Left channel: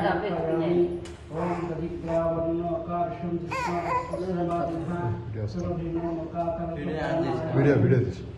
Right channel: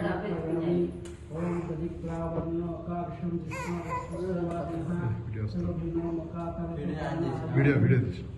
समर्पयामि ओम दधिप्रावण्णोकार्षं जिष्णास्पश्यमादिनः वीडियो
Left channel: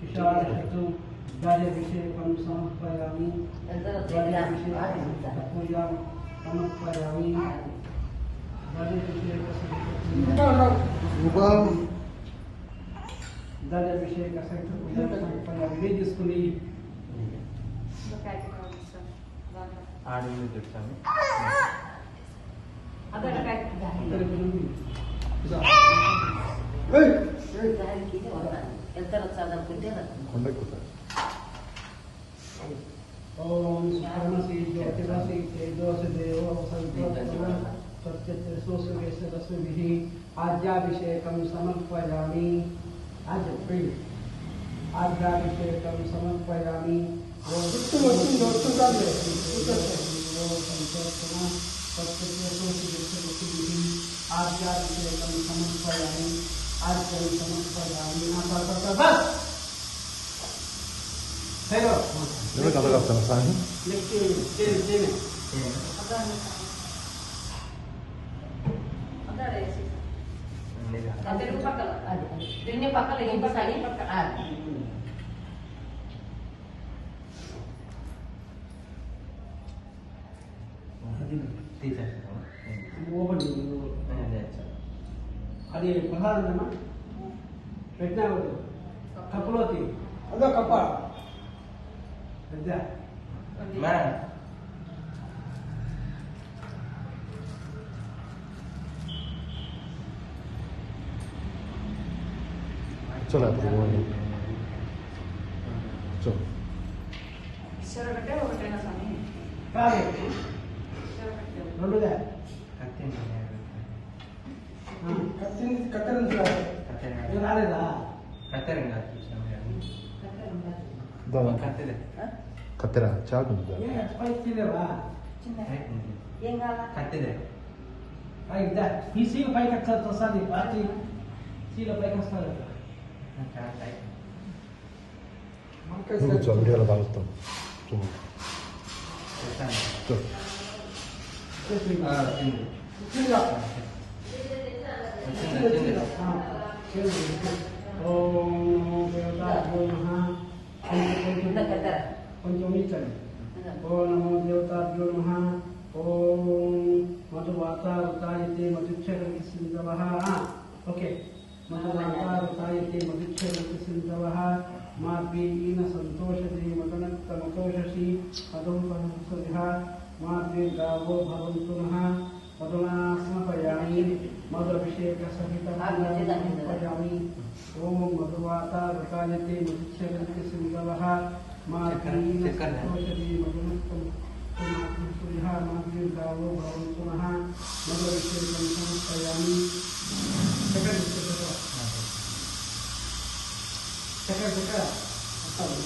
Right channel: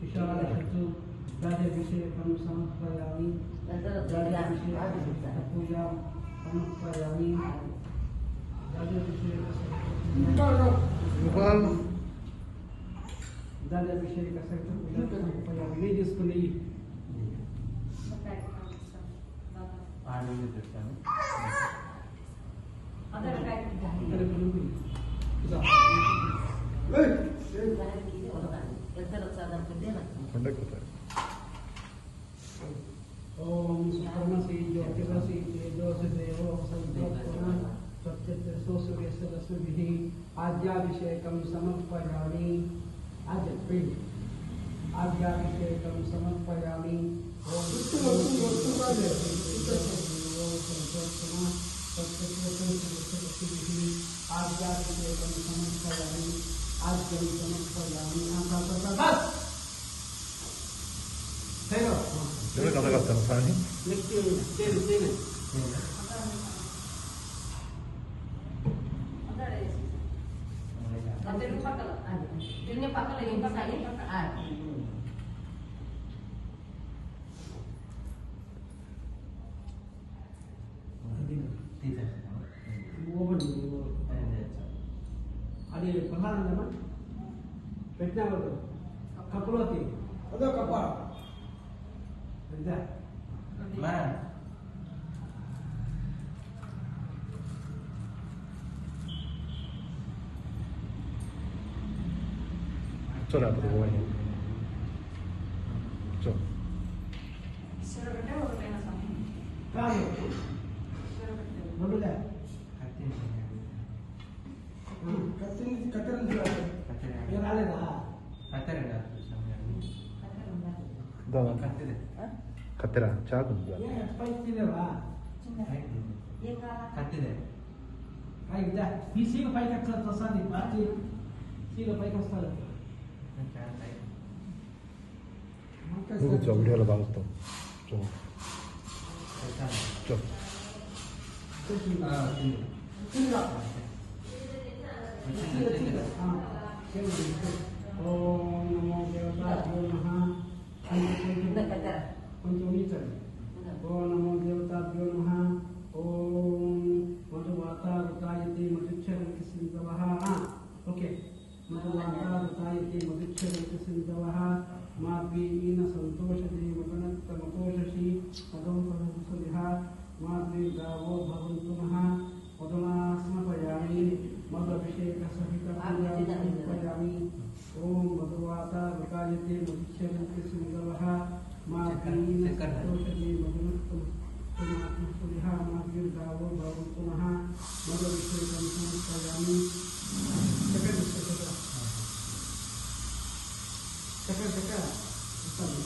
विशालशतु राजाभिषेकं समर्पयामि राजाभिषेकं पूजां समर्पयामि राजाभिषेक सहित पूजा समर्पयामि ये जिसको ओम कर्मसि ज्योतिरसि तेजोसि देवो संज्ञोत्तमं सत्यत्रिसूर्यस्य रश्मिभिः आज्याभिषेकं समर्पयामि आज्याभिषेकं समर्पयामि ओम आज्याभिषेकं समर्पयामि आज्यं समर्पयामि बस hello Dove cade la stanza? tieni అది ప్రసాదమా పెట్టినావు కప్పులోకి అదో కప్ప పెద్ద Coba. కాదు రెండుగా కత్తెర రాలేదా Katera, చాకు. స్పైసీ లేవా ఈ సీల పైకి వస్తుంది పార్టీ సీల పైకి వస్తుంది Comincia a mirar l'alto. ఓం దేవతాభ్యో నమః పంచమిచ్చండి ఓం నమో దేవతాభ్యో నమః ఓం మధువాతారుతాయతే మధుక్షరతి సింధవః ఓకే మధువాతారుతాయతే మధుక్షరతి సింధవః మార్గేణ సంతోషదే మదనత్తమతోషసి పదం పదసురిహ మార్గే గావో భవంతు నః మధునా సమర్పయామి మధుభిషేక సహిత సమర్పయామి ఓం మధువాతారుతాయతే మధుక్షరతి సింధవః మార్గేణ సంతోషదే మదనత్తమతోషసి మార్గే గావో భవంతు నః మధుభిషేకం సమర్పయామి చక్కెర వస్తాను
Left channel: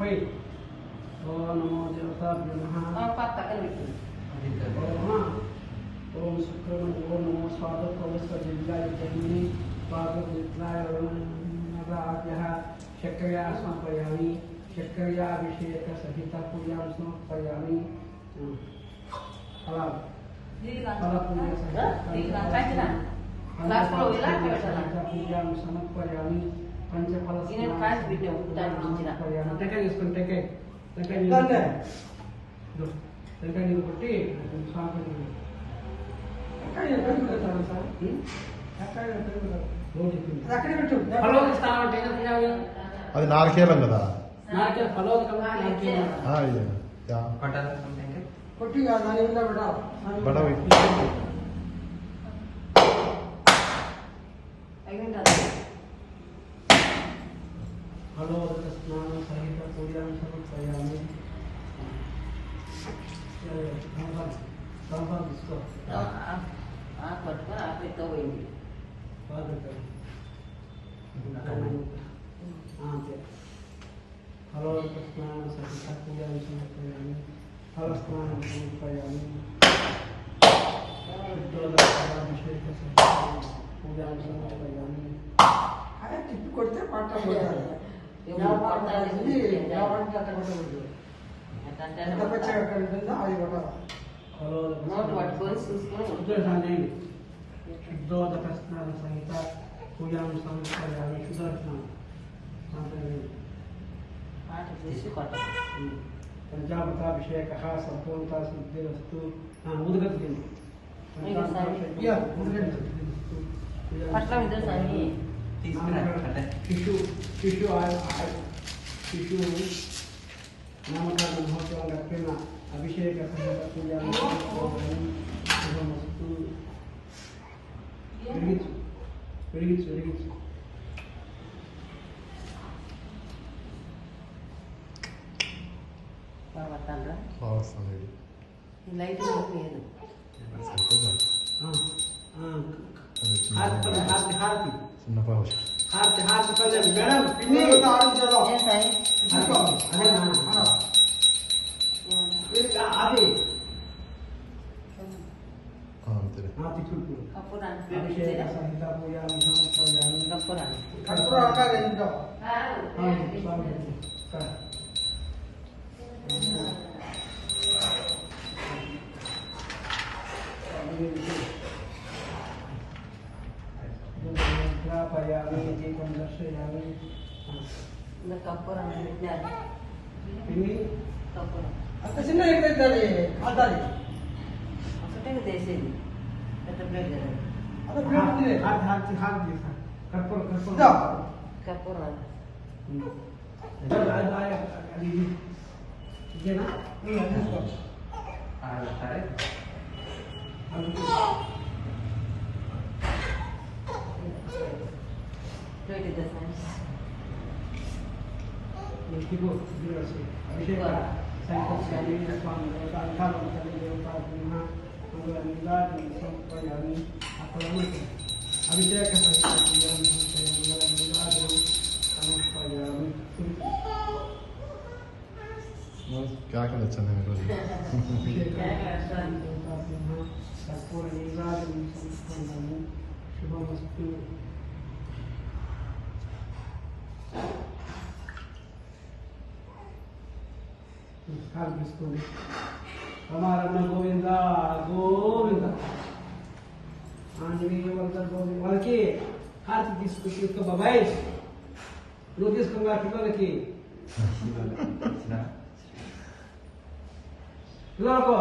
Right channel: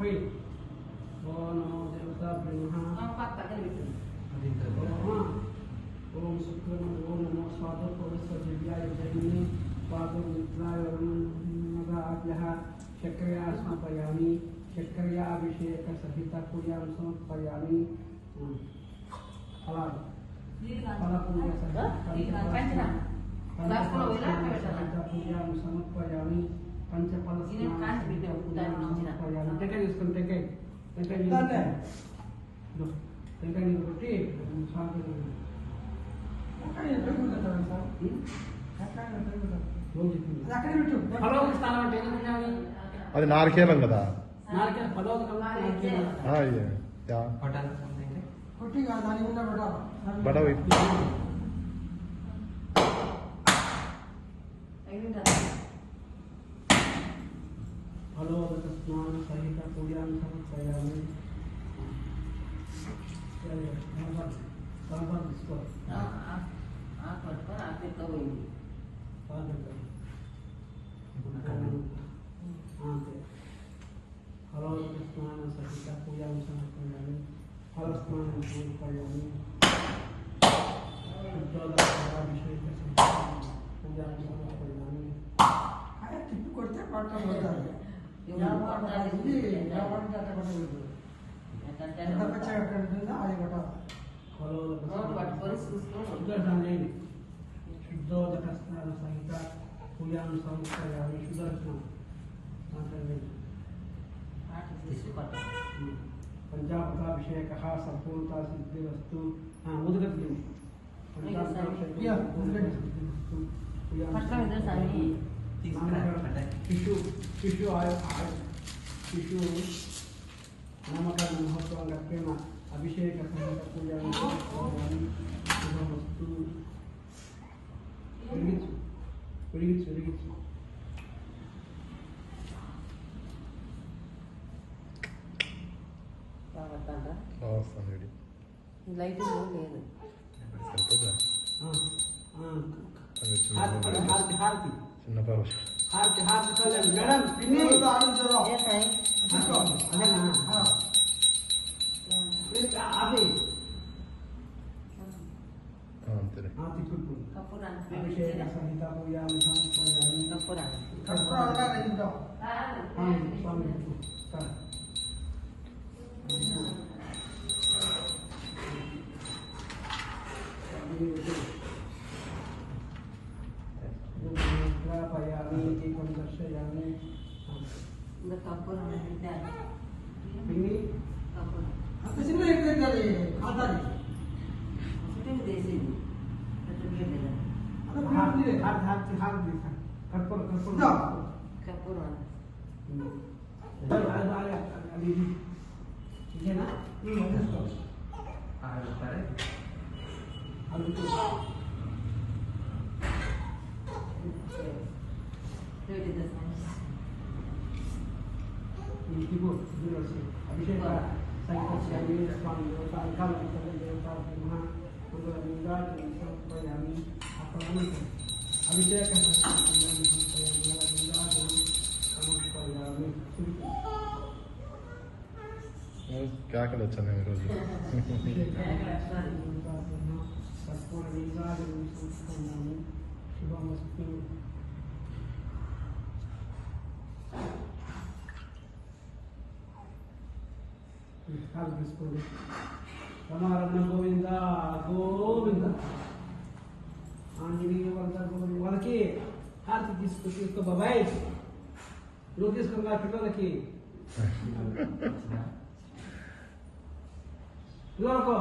Baik. Om Namo Devatabhyo Namaha. Om Sukramani Om Namo Swada Pavasva Jidlaya Jayini Swada Jidlaya Nagabhyaha Shakraya Samapayami Shakraya Abhisheka Sahita Pujam Samapayami Halal Halal Puja Sahita Pujam Samapayami Panchapala టెంకాయ తీసుకొని టెంకాయ నీళ్ళు కొట్టి ఫలవది స్థానం అంటే అది నాలుకేళ్ళం కదా నాలుగే ఫలవది కొట్టి దాని మీద పెట్టాలి फलोदक स्नान सहित पूजा समर्पयामि తమలపాకు తీసుకో. పట్టుకొని ఆపితో పోయింది. పాలు పెట్టాలి. అంతే. హలో స్నానం సహిత పూజాం సమర్పయామి. హలో స్నానం సమర్పయామి. శుద్ధోదకాభిషేక సహిత పూజాం సమర్పయామి. అదే తిప్పి కొడితే పట్ట పోయాలి. ఎవరికి అట్ట కొట్టలేదు. ఎంత పచ్చగా ఎక్కడ ఉంటుందో అది కొట్టాలి. హలో పట్టుకొని చూసుకొని శుద్ధోదక స్నాన సహిత పూజాం సమర్పయామి. శుద్ధోదకం పాట చేసి కొట్టాలి. పంచామృతాభిషేక సంపూర్ణత సిద్ధిరస్తు. ముదుగతింది పట్ల మీద స్వామి శిశు నామకరణ మహోత్సవం గడిపిన అభిషేక సహిత పూజాన్ని శుభమస్తు. వెలిగించు వస్తుంది లైట్ లేదు. హారతి చిన్న పావు కళ్యాణ్ మేడం పిన్ని ఆడించడం ఏం సాయి? అదేనా అది తిక్కుడు కప్పురాన్ని అభిషేక సహిత పూజాన్ని సమర్పయామి. కప్పురాన్ని కర్పూర అంటారు ఇంట్లో. స్వామి గ్రాపయామి. దీపం దర్శయామి. కప్పురాన్ని పెట్టినారు. పిన్ని కప్పురం అంత చిన్న ఎక్కడైతుంది కాదాలి. ఒకటే చేసేది పెద్ద ప్లేట్ కదా. అదే ప్లేట్ హారతి కర్పూర ఇదా? కప్పురం అది ఇదేనా తీసుకో. అది ప్లేట్ చేస్తాను. అభిషేక సంకల్పాన్ని స్వామి దేవతాంకాలు తల్లి దేవతా బ్రహ్మ మంగళలింగాన్ని సమర్పయామి. అప్పలను అభిషేక సంకల్పాన్ని మంగళలింగాన్ని సమర్పయామి. కాకలు వచ్చాను అభిషేక దేవతా బ్రహ్మ కర్పూర లింగాన్ని సమర్పయామి. శుభమస్తు. హారతి తీసుకోండి. రమారమణ గోవింద గోవింద ఆంజనేయ వర్ధ గోవింద. వాళ్ళకి హారతి తీసుకో బాబాయ్. నువ్వు తీసుకున్నా పిల్లలకి పిల్లలకు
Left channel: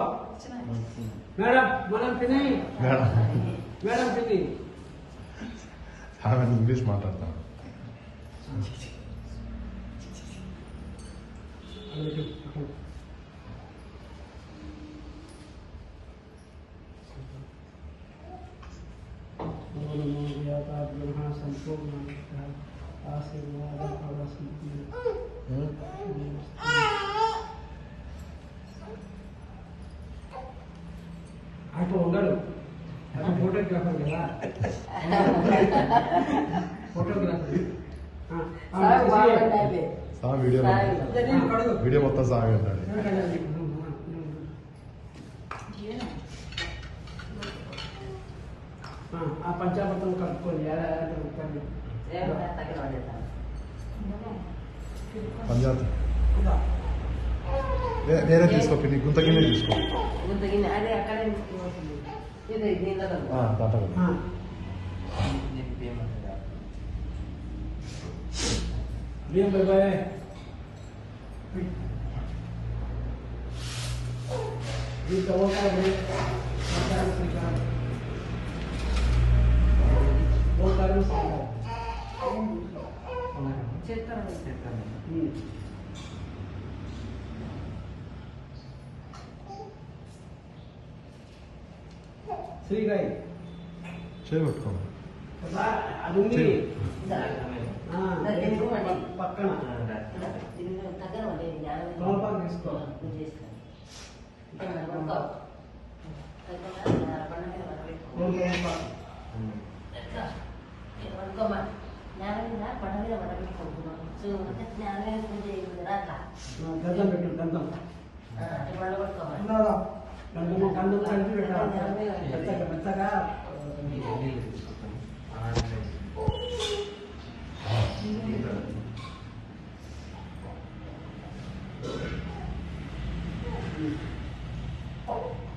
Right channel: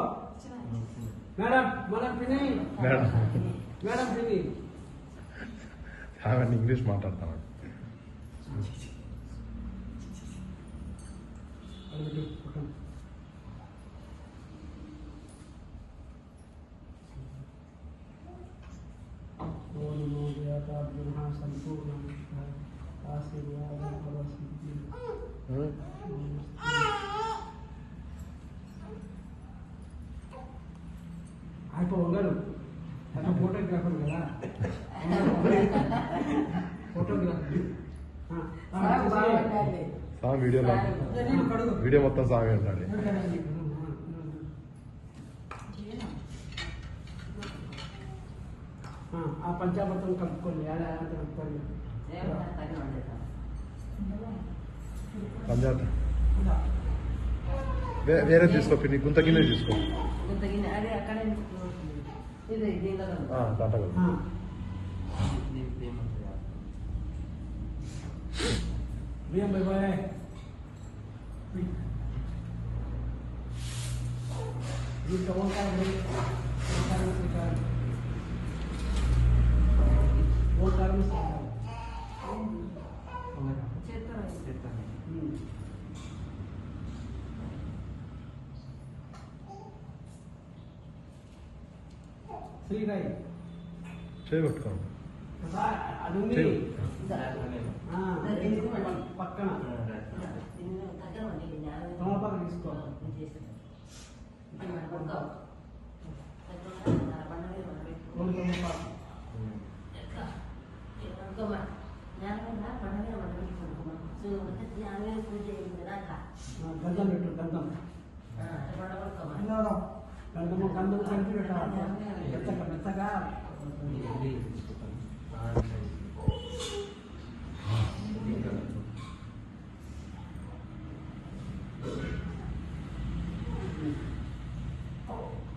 మేడం పిన్ని ఆమె ఇంగ్లీష్ మాట్లాడతాను. సంపూర్ణ ఆశీర్వాద ఫలసిద్ధి. అయిపో ఉండడు అతను ఫోటోగ్రాఫర్ కదా. ఫోటోగ్రాఫర్ స్వామి వీడియో మొత్తం స్వామి అంటాడు. ఆ పంచామృతం కలుపుకొని పంజాబ్ వేరే తీసుకో పిన్ని. గుంత గిన్నె తీసుకో. అదే అక్కడే ఇది దీంట్లో బియ్యం బాయ్ దీంట్లో ఓంకారం ఓంకారం శ్రీకారం ఓంకారం శ్రీకారం చెప్తాను. శ్రీగాయి చేయబట్టుకోండి. అది ఉంది పక్కన తమలపాకు తీసుకో. పడుకోమా జ్ఞానం మీద పంట మీద పడబెట్టి పడుకున్నాం జ్ఞానం పూజ అయ్యిందిరా అట్లా గంధం పెట్టు గంధం అట్లా పండు పడుకోమా గంధము గంధం కలిపి పెట్టాలి మెత్తగా మెత్తగా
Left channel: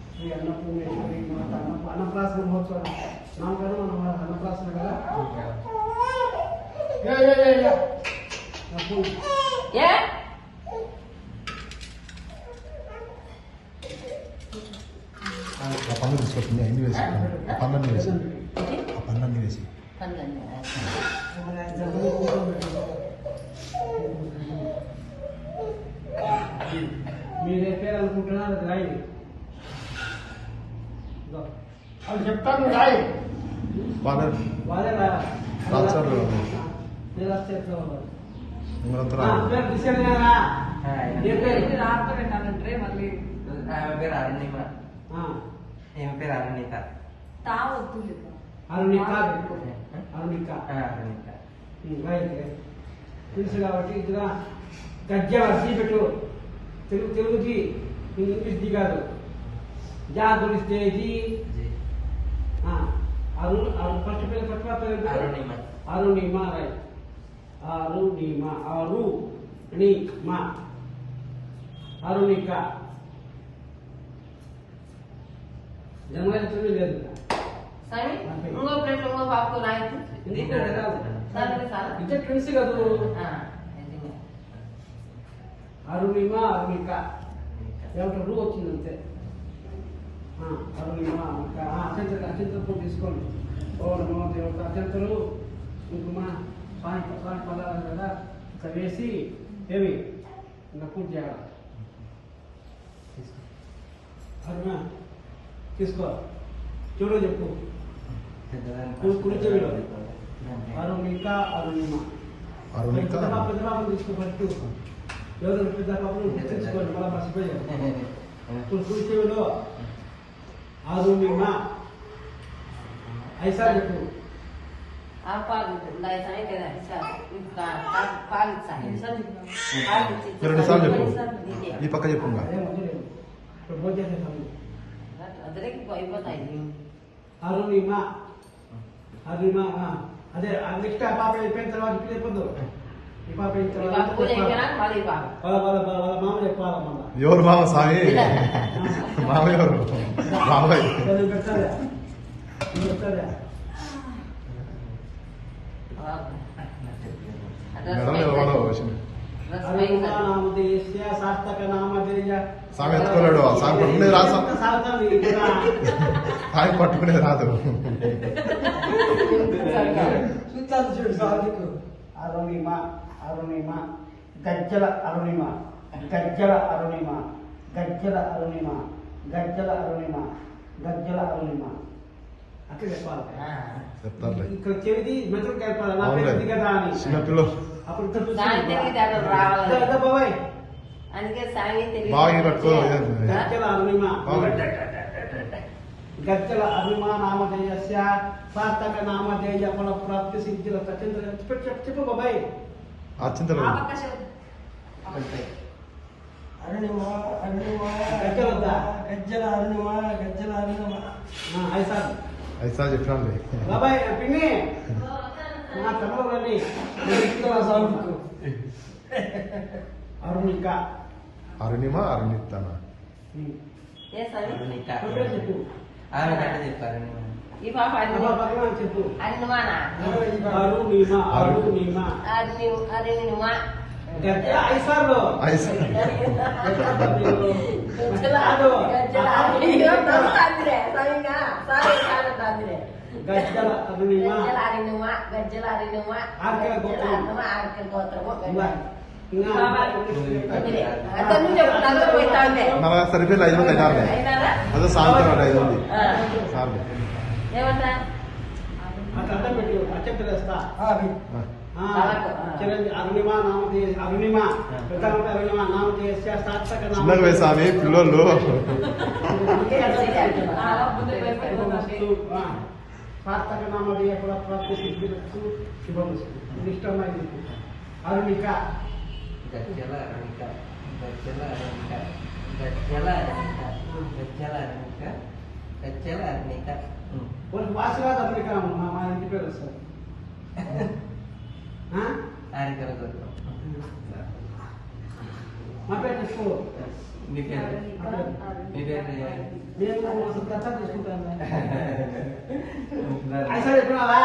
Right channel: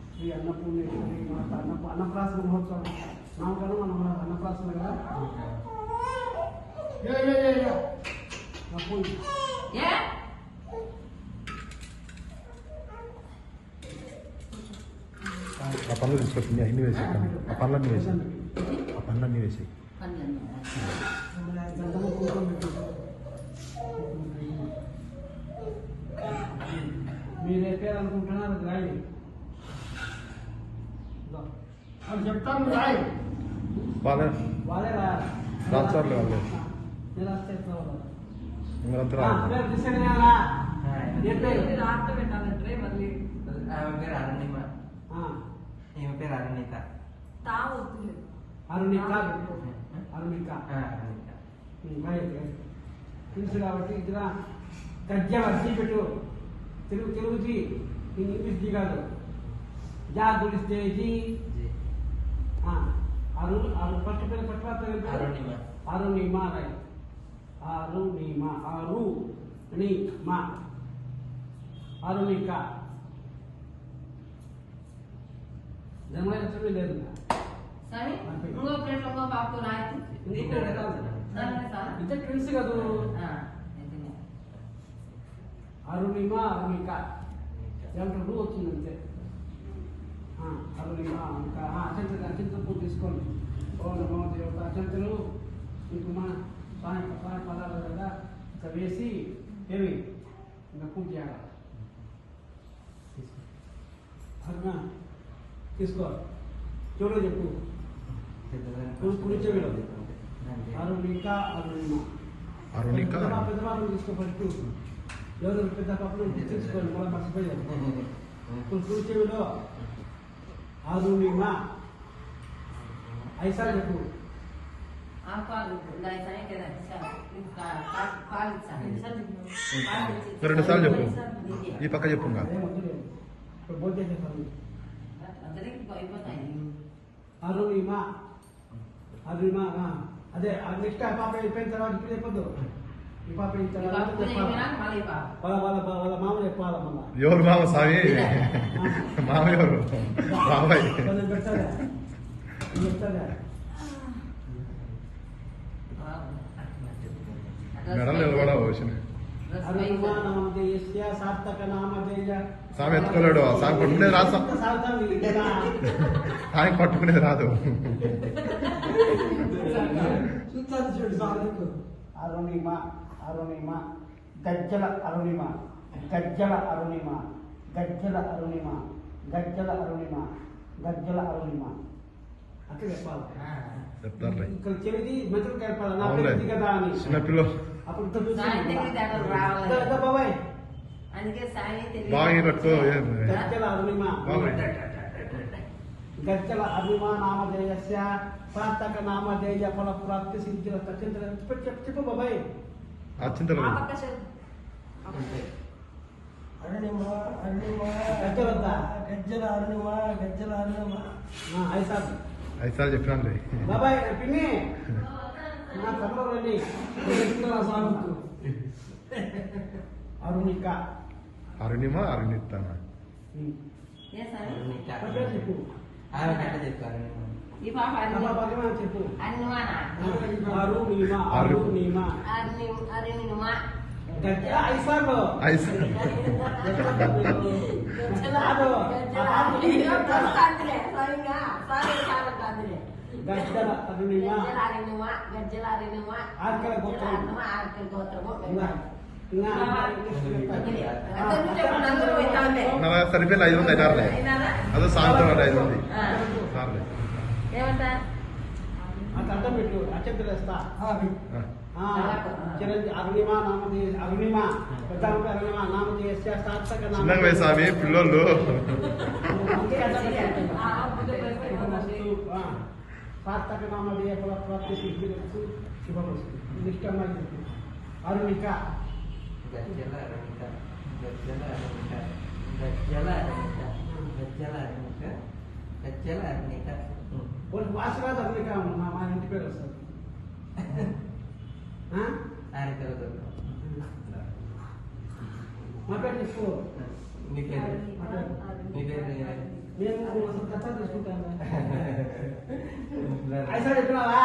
శ్రీ అన్నపూర్ణేశ్వరి మాత అన్నప్రాసన మహోత్సవం నామకరణం మనం అన్నప్రాసన కదా ఏ ఆ పనులు తీసుకొచ్చింది అన్ని వేసి ఆ పనులన్నీ వేసి ఆ పనులన్నీ వేసి పండ్లన్నీ మీరు పేరు అనుకుంటున్నారు అది రాయండి అది చెప్తాను రాయి వాళ్ళ వాళ్ళే రాస్తారు. నిరాస్తే మీరంతా పేరు డిసైడ్ అయ్యారా ఏ పేరు ఇది రాత్రి పెట్టాలంటే మళ్ళీ ఆమె పేరు అరుణిమ ఈమె పేరు అరుణిత తా వద్దు లేదు అరుణిక అరుణిక అరుణిత తెలుసు కాబట్టి ఇదిగా గజ్జల జీ పెట్టు తెలుగు జీ ఇంగ్లీష్ జీ కాదు జా గురిస్తే జీ ఫస్ట్ పేరు ఫస్ట్ పేరు అరుణిమ అరుణిమ రైట్ అరుణిమ అరుణిమ అరుణిక జన్మలక్ష్మి లేదు స్వామి ఇంకో ప్లేట్ ఇంకో పాపకు రాయొచ్చు ఇద్దరు ట్విన్స్ కాదు అరుణిమ అరుణిక ఏమంటారు రూ వచ్చింది అంతే అరుణిమ అరుణిక అత్యంతలు తీసుకోండి ఓ నమో దేవత అత్యంతలు కుంకుమ స్వామి పదాలు కదా ఇట్లా వేసి ఏమి ఇంకా పూజ చేయాలి అరుణ తీసుకో చూడ చెప్పు కుడి చెవిలో అరుణిక అరుణిమ అరుణిక పెద్ద పాపను తీసుకో ఫస్ట్ ఎవరు పెద్ద పాపను తీసుకోండి మళ్ళీ మర్చిపోయారు కుడి చెవిలో అరుణిమ ఐసా చెప్పు పాలు సాయం కదా పాలు రెండు సార్లు చెప్పు ఈ పక్క చెప్పు ఇంకా అదే మొదలు ఇప్పుడు భోజనం చేసేసాము అదరికి అయిపోతాయి అరుణిమ అరుణిమ అదే నెక్స్ట్ ఆ పాప అయిపోయిన తర్వాత ఇప్పుడు చెప్పొద్దు ఈ పాప అయిన తర్వాత పూజ అయిపోయినా మళ్ళీ వాళ్ళ మామ చెప్పాలి మళ్ళా ఎవరు మామ సాయి మామ ఎవరు మామయ్య పెడతారా పెడతారా మెడలో ఎవరో వచ్చింది అరుణిమ నామధేయస్య సార్థక నామధేయ సామి ఎత్తుకోలేడు సామి పట్టుకునేది రాదు సాగుతాను ఇక్కడ సామి పట్టుకునేది రాదు చూస్తాను చూడు సాధికు అరుణిమ అరుణిమ గజ్జల అరుణిమ గజ్జల అరుణిమ గజ్జల అరుణిమ గజ్జల అరుణిమ గజ్జల అరుణిమ అట్లా చెప్పాలి చెప్తారులే ఇక్కడ చెవిది మెదడు కలపాలి నా పేరు ఇది కదా అని చిన్నపిల్లలు అప్పుడు ఇక్కడ చూసి సాయం తెలియదు అక్కడ రావాలి ఇదా బాబాయ్ అందుకే సాయం తెలియదు బాగా పట్టుకో గజ్జల అరుణిమ బాగా గజ్జల అరుణిమ నామధేయస్య సార్థక నామధేయ ఫల ప్రాప్తి సిద్ధిల తచ్చింద్ర చెప్పు బాబాయ్ ఆ చింతలు ఆ పక్క చెప్పు అరుణిమ అరుణిమ గజ్జల వద్దా? గజ్జల అరుణిమ గజ్జల అరుణిమ ఐసార్ ఐసా చెప్పినాను బాబాయ్ పిన్ని నా తమ్ముడు రండి సాగుతూ అరుణిక అరుణిమ అరుణిస్తాన ఏ స్వామి అరుణిక చెప్పు ఆమె కంటే చెప్తారు అరుణిమ ఈ పాప అబ్బా, పక్కన చెప్పు అన్నమానా అరుణిమ అరుణిమ అరుణిమ గజ్జల ఐసార్లో ఐసా గజ్జల అరుణిమ గజ్జల అరుణిమ ఆర్కెల గోత్రము. ఆర్కెల గోత్రము నా సరిపోయి 5 ఉంది నాలుగు అదే సాయంత్రం 5 ఉంది సార్లు ఏమంటా అట్లా అడ్డం పెట్టు అచ్చంత వేస్తా చిరంజీవి అరుణిమ నామధేయ అరుణిమ పెద్ద అరుణిమ నామధేయస్య సార్థక చిన్నగా వేసామి పిల్లలు చాలా ముందే భయపడిపోతుంది. శుభమస్తు. సార్థక నామధేయ ఫల ప్రాప్తి సిద్ధిరస్తు శుభమస్తు. ఇది ఇష్టమైంది. అరుణిక గజ్జల అరుణిక గజ్జల అరుణిక గజ్జల అరుణిక గజ్జల అరుణిక గజ్జల అరుణిక వాళ్ళకి వాసిరాజు అరుణిక మా ఇంటి పేరు వస్తుంది. ఆరికల దొరకం మా పేరు తీసుకో. మీ పేరు మీ పేరు నేను అసలు దత్తా తీసుకుంటాను. ఐసా చెప్పినావా?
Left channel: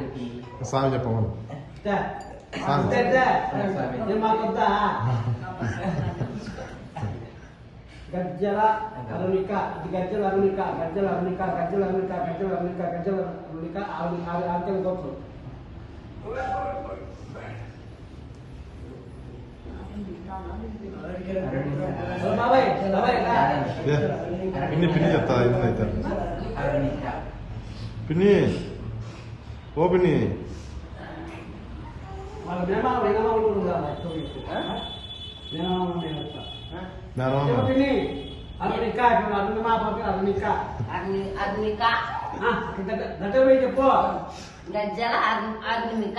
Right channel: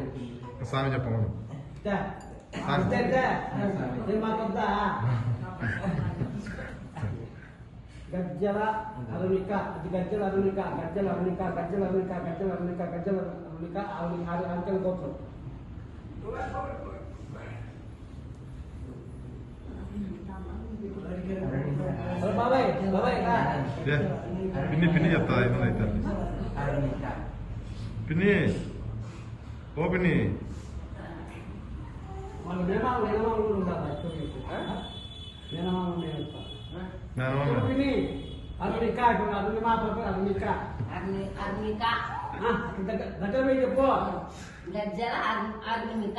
చెప్పింది స్వామి చెప్పమని నేను మాకు వద్దా? గజ్జల అరుణిక ఇది గజ్జల అరుణిక గజ్జల అరుణిక గజ్జల అరుణిక గజ్జల అరుణిక గజ్జల అరుణిక ఆంకెల గోత్రం. బాబాయ్ బాబాయ్ పిన్ని చెప్తా అయితే అరుణిక పిన్ని ఓ పిన్ని వాళ్ళ మేనమామ కూడా ఉండాలి. మేనమామ మేనమామ పిన్ని అరుణిక అరుణి మా పాప అరుణిక అర్మిక దగ్గర పోయి చెప్పు. గజ్జల అర్మిక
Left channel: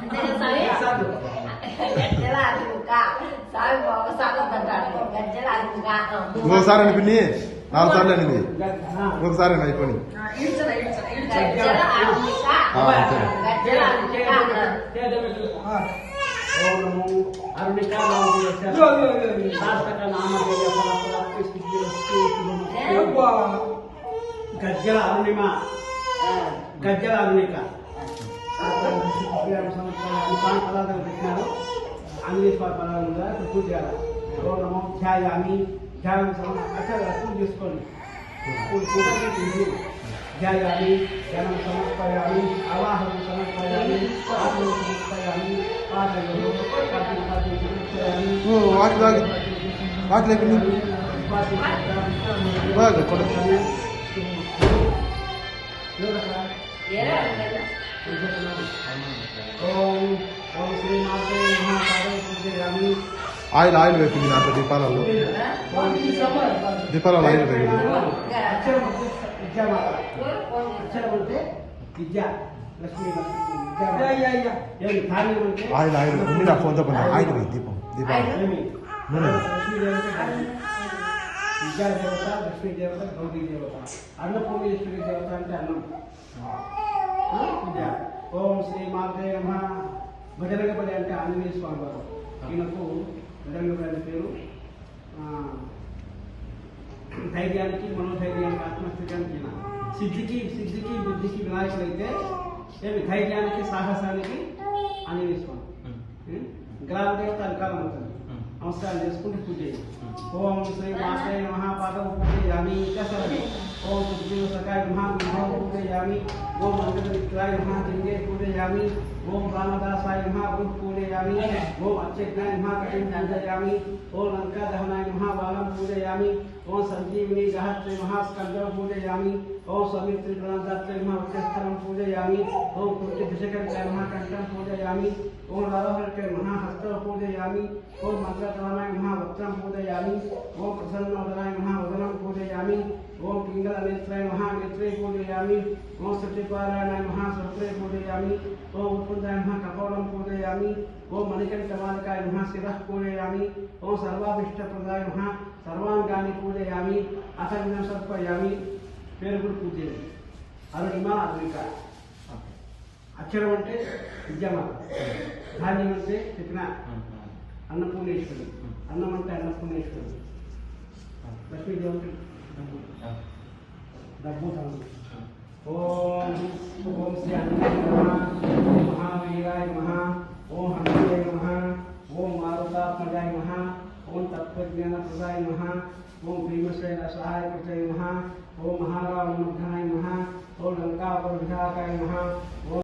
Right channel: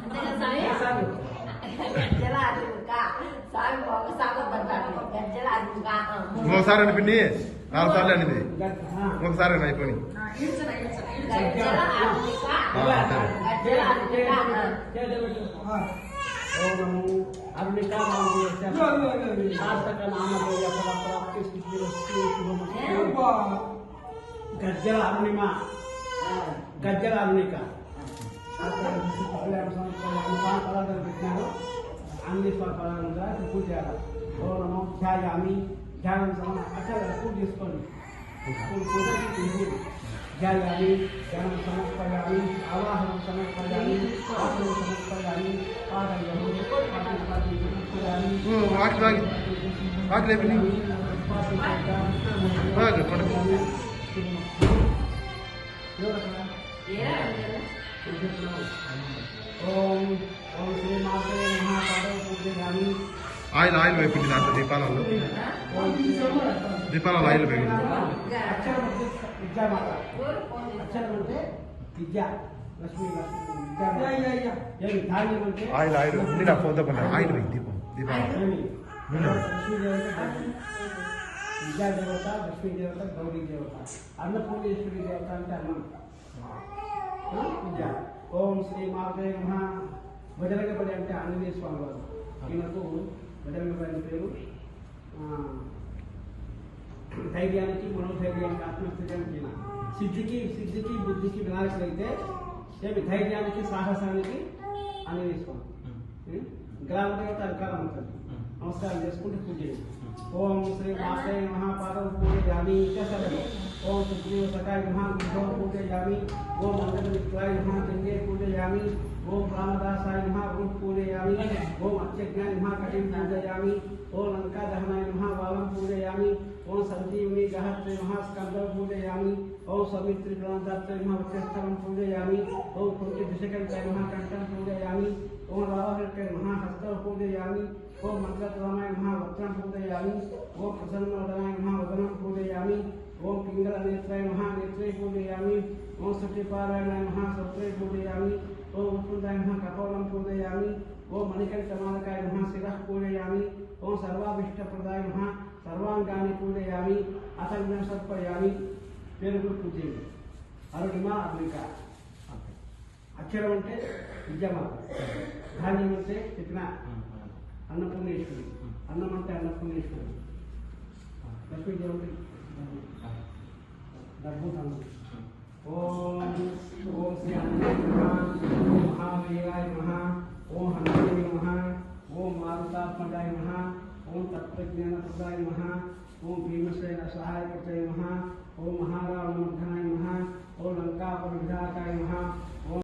అంతే కదా స్వామి? గజ్జల అర్మిక స్వామి ఒకసారి పడ్డాడు. గజ్జల అర్మిక ఇంకోసారి అండి పిన్ని 4 సార్లు అండి ఇంకొకసారి అండి అయిపోయి గజ్జల అర్మిక గజ్జల అర్మిక అరుణిక సార్థక నామధేయ ఫల ప్రాప్తి సిద్ధిరస్తు శుభమస్తు. గజ్జల అరుణిమ గజ్జల అరుణిక పదార్థం పెట్టినారు. ఆంజనేయ స్వామి పదార్థం కూడా ఇప్పుడు పూజ చేయాలి. ఓ నమో ధ్యాయామి ధ్యానం అక్కడ పూజ చేసుకోండి. ధ్యాయామి ధ్యానం సమర్పయామి ఆవాహనం సమర్పయామి ఆసనం సమర్పయామి పాదములు సమర్పయామి ఓం ఓం శ్రీ మాత్రే నమః పాదం పూజయామి. ఆయిల్ వేపింది నాకు దీపాలలో ఆయిల్ వేయండి. అక్షరం అంటే విద్యామాత. అక్షరం అంటే విద్య లక్ష్మీ ఏమి ధాన్యం అంటే ఆయిల్ వేయి దీపం ఏమి లక్ష్మీ దేవత విద్యా దేవత లక్ష్మీ దేవత గౌరీ దేవత. అన్నపూర్ణేశ్వరి దేవత అంటే అన్నం విద్య. ఓం శ్రీ మాత్రే నమః. బజరంగపడి అంటే ఆంజనేయ స్వామి వారు. ఈయనకు బజరంగపడి అనే పేరు ధైర్యానికి మనోధైర్యానికి ఆత్మస్థైర్యానికి ఈయన. సిద్ధికి బుద్ధికి వినాయకుడైతే ఏమి ధైర్యానికి సాహసానికి ఆంజనేయ స్వామి. గ్రామ దేవత అధికారం అవుతుంది. నమస్కారం చేసుకుంటూ పూజ చేయండి. ఓం శ్రీ మాత్రే నమః పాదం పూజయామి. ఇచ్చేస్తారండి. ఓం సుగ్రీవ సకాయ నమః పూజయామి. ఓం మంగళమిత్రాయ నమః లింగే పూజయామి. ఓం రామదాసాయ నమః వృహ్ పూజయామి. ఓం అత్యజ్ఞాయ నమః కటిం పూజయామి. ఓం లంకా దహనాయ నమః బాలం పూజయామి. ఓం సంజీవిని గహత్రే నమః స్కందం పూజయామి. ఓం సవిత్రి ప్రణాదాత్రే నమః వక్షస్థలం పూజయామి. ఓం కుంటి దిశకంఠాయ నమః కంఠం పూజయామి. ఓం రావహర్కే నమః హస్తం పూజయామి. ఓం మంత్రతమాయ నమః వక్త్రం పూజయామి. ఓం ప్రసన్నవదనాయ నమః వదనం పూజయామి. ఓం పింగళ నేత్రాయ నమః నేత్రే పూజయామి. ఓం సత్యపారాయణాయ నమః సత్రే పూజయామి. ఓం ఉత్పన్నాయ నమః కపోలం పూజయామి. ఓం మణికంఠమాలకాయ నమః శిరః పూజయామి. ఓం సర్వాభిష్టప్రదాయ నమః సర్వాంగాన్ని పూజయామి. అసంజ్ఞం సమర్పయామి. పేరు కూడా పూజ చేయండి. అరుణిమ అరుణిక. అక్షరం అంటే విద్యమాత. ధాన్యం అంటే చెప్పిన అన్నపూర్ణేశ్వరి. అన్నం అంటే అన్నపూర్ణేశ్వరి. లక్ష్మీదేవుడి డబ్బు ధనం. ఓం ఓం శ్రీ అన్నయ్య నమః. ఓం మహావీరాయ నమః. ఓం హనుమతే నమః. ఓం మారుతాత్మజాయ నమః. ఓం తత్వజ్ఞానప్రదాయ నమః. ఓం భీమసేన సహాయకృతే నమః. ఓం మహారావణమర్ధనాయ నమః. ఓం లంకాపుర విధాయకాయ నమః. ఓం